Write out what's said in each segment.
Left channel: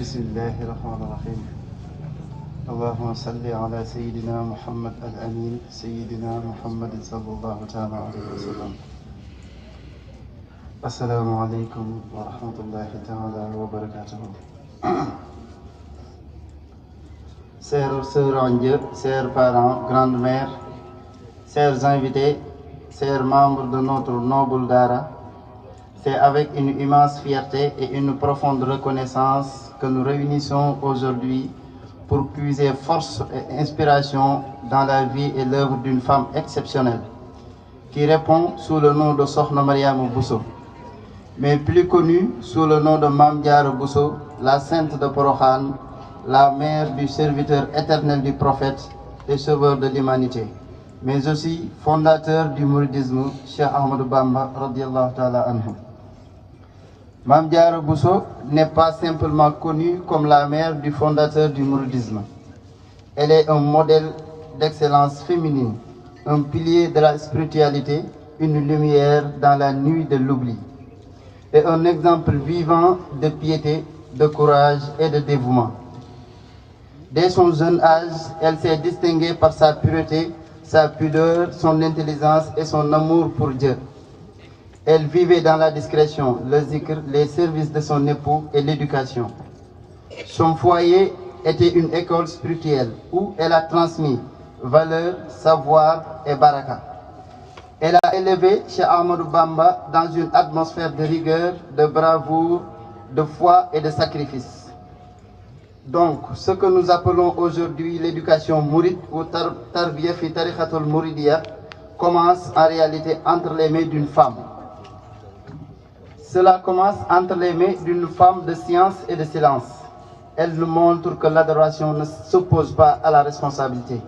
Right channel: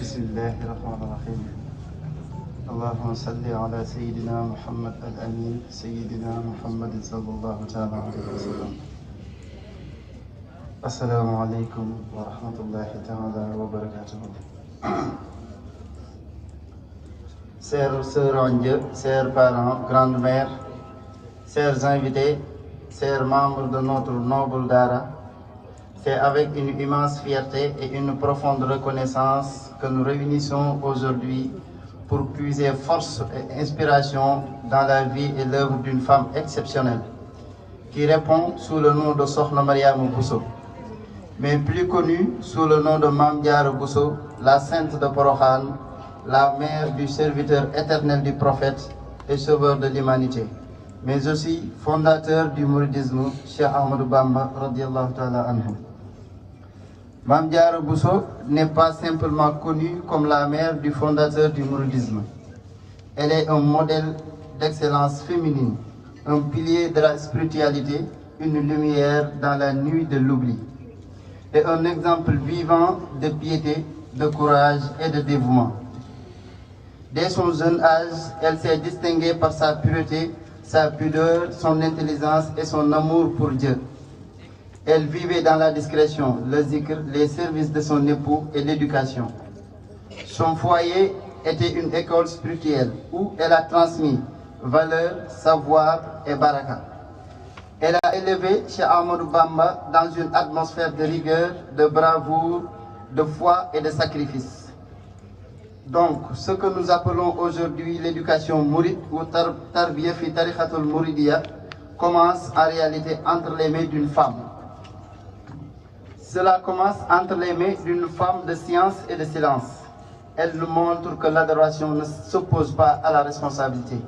بسم الله الرحمن الرحيم اللهم صل على سيدنا محمد الأمين سيدنا محمد صلى الله تعالى عليه وسلم. السلام عليكم ورحمة الله تعالى وبركاته. Chers sœurs en Dieu, chers parents, grandes mères, chers invités, chers membres de notre noble Dara, c'est avec une immense fierté et une profonde reconnaissance que nous réunissons aujourd'hui pour puiser force et inspiration dans la vie et l'œuvre d'une femme exceptionnelle qui répond sous le nom de Sokhna Mariama Bousso, mais plus connue sous le nom de Mame Diarra Bousso, la sainte de Porokhane, la mère du serviteur éternel du prophète et sauveur de l'humanité, mais aussi fondateur du mouridisme, Cheikh Ahmadou Bamba radiyallahu ta'ala anhu. Mame Diarra Bousso n'est pas simplement connue comme la mère du fondateur du mouridisme. Elle est un modèle d'excellence féminine, un pilier de la spiritualité, une lumière dans la nuit de l'oubli, et un exemple vivant de piété, de courage et de dévouement. Dès son jeune âge, elle s'est distinguée par sa pureté, sa pudeur, son intelligence et son amour pour Dieu. Elle vivait dans la discrétion, le zikr, les services de son époux et l'éducation. Son foyer était une école spirituelle où elle a transmis valeurs, savoir et baraka. Elle a élevé Cheikh Ahmadou Bamba dans une atmosphère de rigueur, de bravoure, de foi et de sacrifice. Donc, ce que nous appelons aujourd'hui l'éducation mouride ou tarbiya fi tarikhatul mouridiya commence en réalité entre les mains d'une femme. Cela commence entre les mains d'une femme de science et de silence. Elle nous montre que l'adoration ne s'oppose pas à la responsabilité.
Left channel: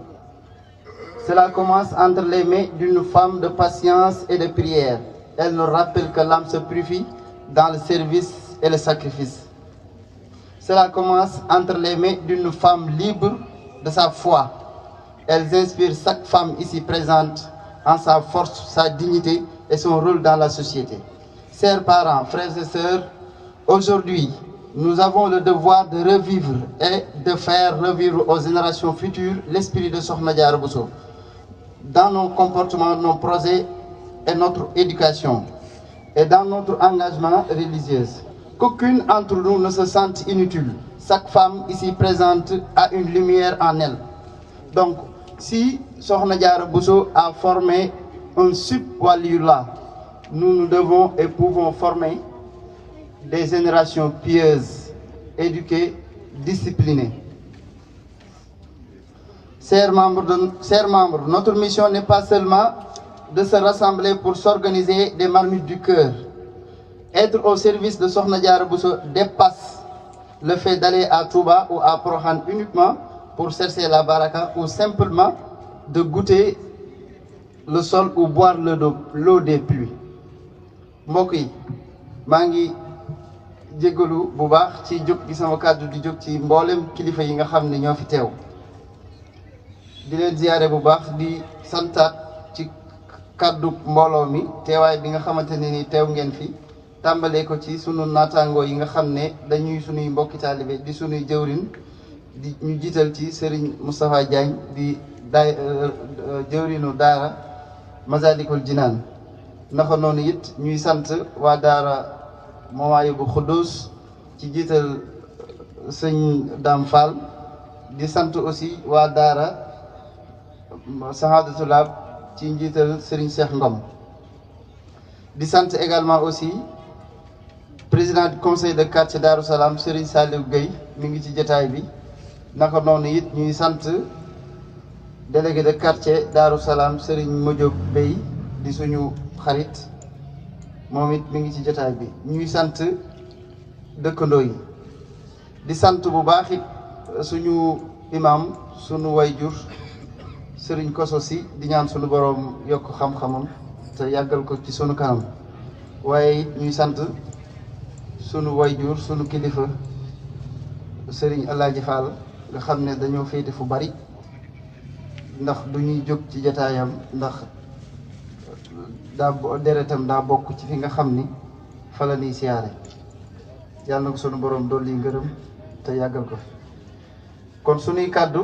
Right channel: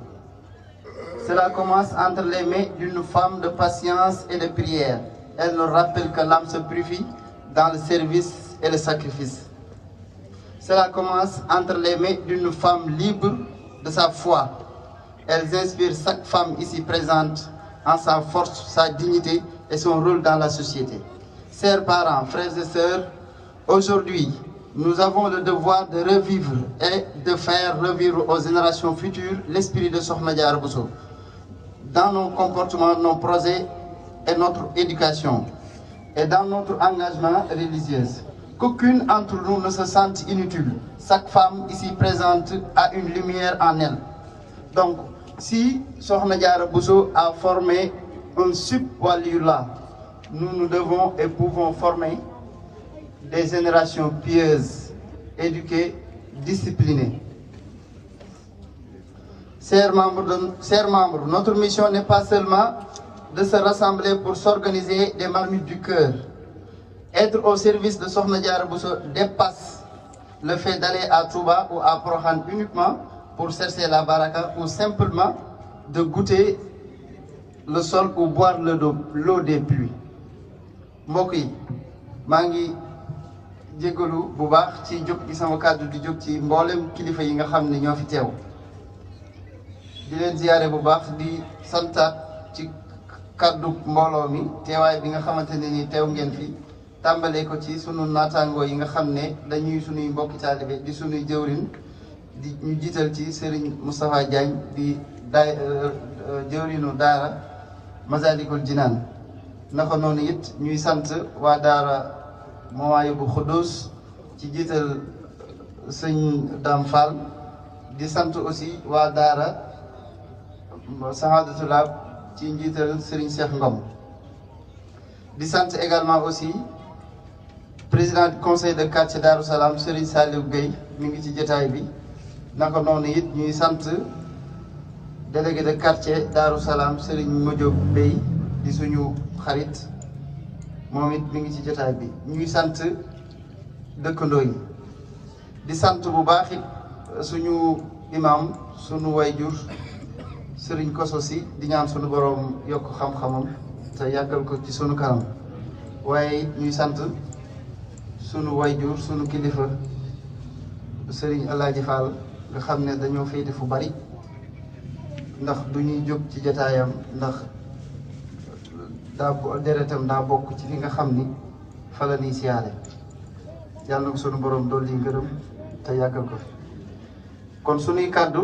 Cela commence entre les mains d'une femme de patience et de prière. Elle nous rappelle que l'âme se purifie dans le service et le sacrifice. Cela commence entre les mains d'une femme libre de sa foi. Elles inspirent chaque femme ici présente en sa force, sa dignité et son rôle dans la société. Chers parents, frères et sœurs, aujourd'hui, nous avons le devoir de revivre et de faire revivre aux générations futures l'esprit de Sokhna Diarra Bousso dans nos comportements, nos projets et notre éducation et dans notre engagement religieux. Qu'aucune d'entre nous ne se sente inutile. Chaque femme ici présente a une lumière en elle. Donc, si Sokhna Diarra Bousso a formé un sub-waliullah, nous devons et pouvons former des générations pieuses, éduquées, disciplinées. Chers membres, notre mission n'est pas seulement de se rassembler pour s'organiser des marmites du cœur. Être au service de Sokhna Diarra Bousso dépasse le fait d'aller à Touba ou à Porokhane uniquement pour chercher la baraka ou simplement de goûter le sol ou boire l'eau des pluies. mbokk yi maa ngi jégalu bu baax ci jóg gi sama kàddu di jóg ci mboolem kilifa yi nga xam ne ñoo fi teew di leen ziyaare bu baax di santaat ci kàddu mbooloo mi teewaay bi nga xamante ne ni teew ngeen fi tàmbalee ko ci sunu naataangoo yi nga xam ne dañuy sunuy mbokki taalibe di sunuy jëwrin di ñu jiital ci Serigne Moustapha Diagne di jëwrinu daara Masalikul Jinaan naka noonu it ñuy sant waa daara Mawahibou Khoudoss ci jiital sëñ Dame Fall di sant aussi waa daara Sahadatul Lab ci njiital Serigne Cheikh Ngom di sant également aussi président du conseil de quartier Darou Salam Serigne Saliou Gueye mi ngi ci jotaay bi naka noonu it ñuy sant délégué de quartier Darou Salam Serigne Modiob Bey di suñu xarit moom it mi ngi ci jotaay bi ñuy sant dëkkandoo yi di sant bu baax it suñu imam suñu wayjur Serigne Kosso Sy di ñaan suñu borom yokk xam-xamam te yàggal ko ci suñu kanam waaye ñuy sant suñu wayjur suñu kilifa Serigne Alaaji Fall nga xam ne dañoo féete fu bari ndax du ñuy jóg ci jotaayam ndax deretam daa bokk ci fi nga xam ni fa la ñuy siyaare yàlla na ko sunu borom dolli ngërëm te yàggal ko kon suñuy kàddu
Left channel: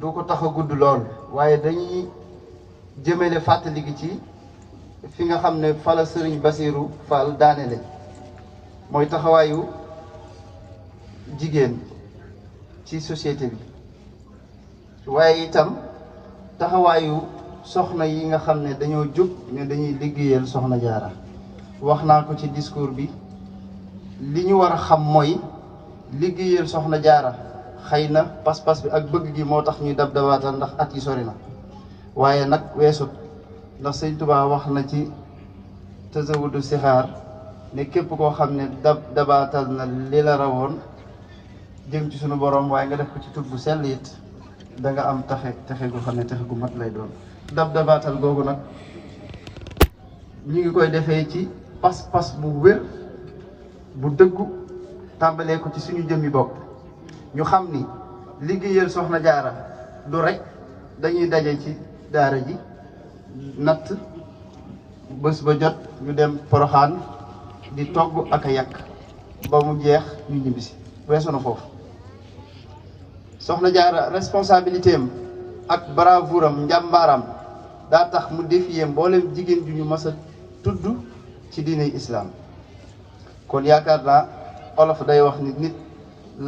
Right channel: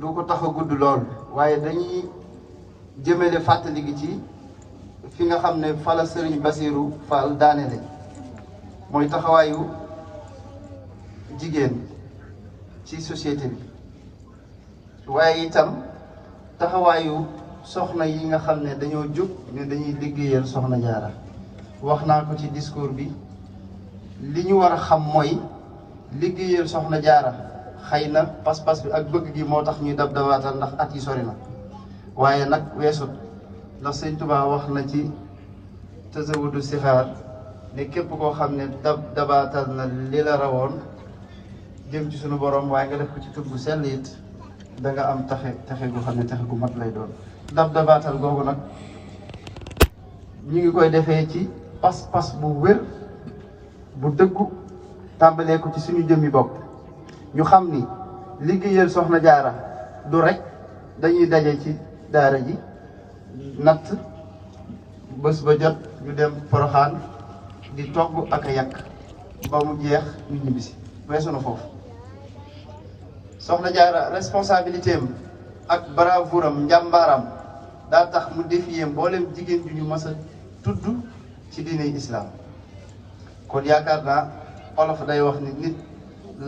du ko tax a gudd lool waaye dañuy jëmale fàttali gi ci fi nga xam ne fala Sëriñ Basiiru Fall daanele mooy taxawaayu jigéen ci société bi waaye itam taxawaayu soxna yi nga xam ne dañoo jóg ne dañuy liggéeyal soxna Jaara wax naa ko ci discours bi li ñu war a xam mooy liggéeyal soxna Jaara xëy na pas-pas bi ak bëgg gi moo tax ñuy dab dabaatal ndax at yi sori na waaye nag weesut ndax Sëñ Tuubaa wax na ci Tazawudu Sixaar ne képp koo xam ne dabaatal na li la rawoon jëm ci sunu borom waaye nga def ko ci tur bu sell it da nga am texe gu xam ne texe gu mat lay doon. dabaatal googu nag ñu ngi koy defee ci pas-pas bu wér bu dëggu tàmbalee ko ci suñu jëmmi bopp ñu xam ni liggéeyal soxna Jaara du rek dañuy daje ci daara ji natt bés ba jot ñu dem Poroxaan di togg ak a yàq ba mu jeex ñu ñibbisi weesu na foofu. soxna Jaara responsabilité am ak bravoure am njàmbaaram daa tax mu défier mboolem jigéen bi ñu mës a tudd ci diine islam kon yaakaar naa olof day wax ni nit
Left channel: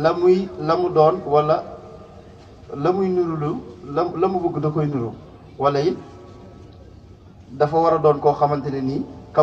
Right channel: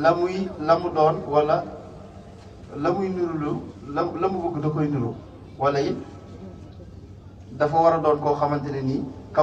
la mu doon wala la muy nurulu la mu bëgg da koy nuru wala it dafa war a doon koo xamante ne nii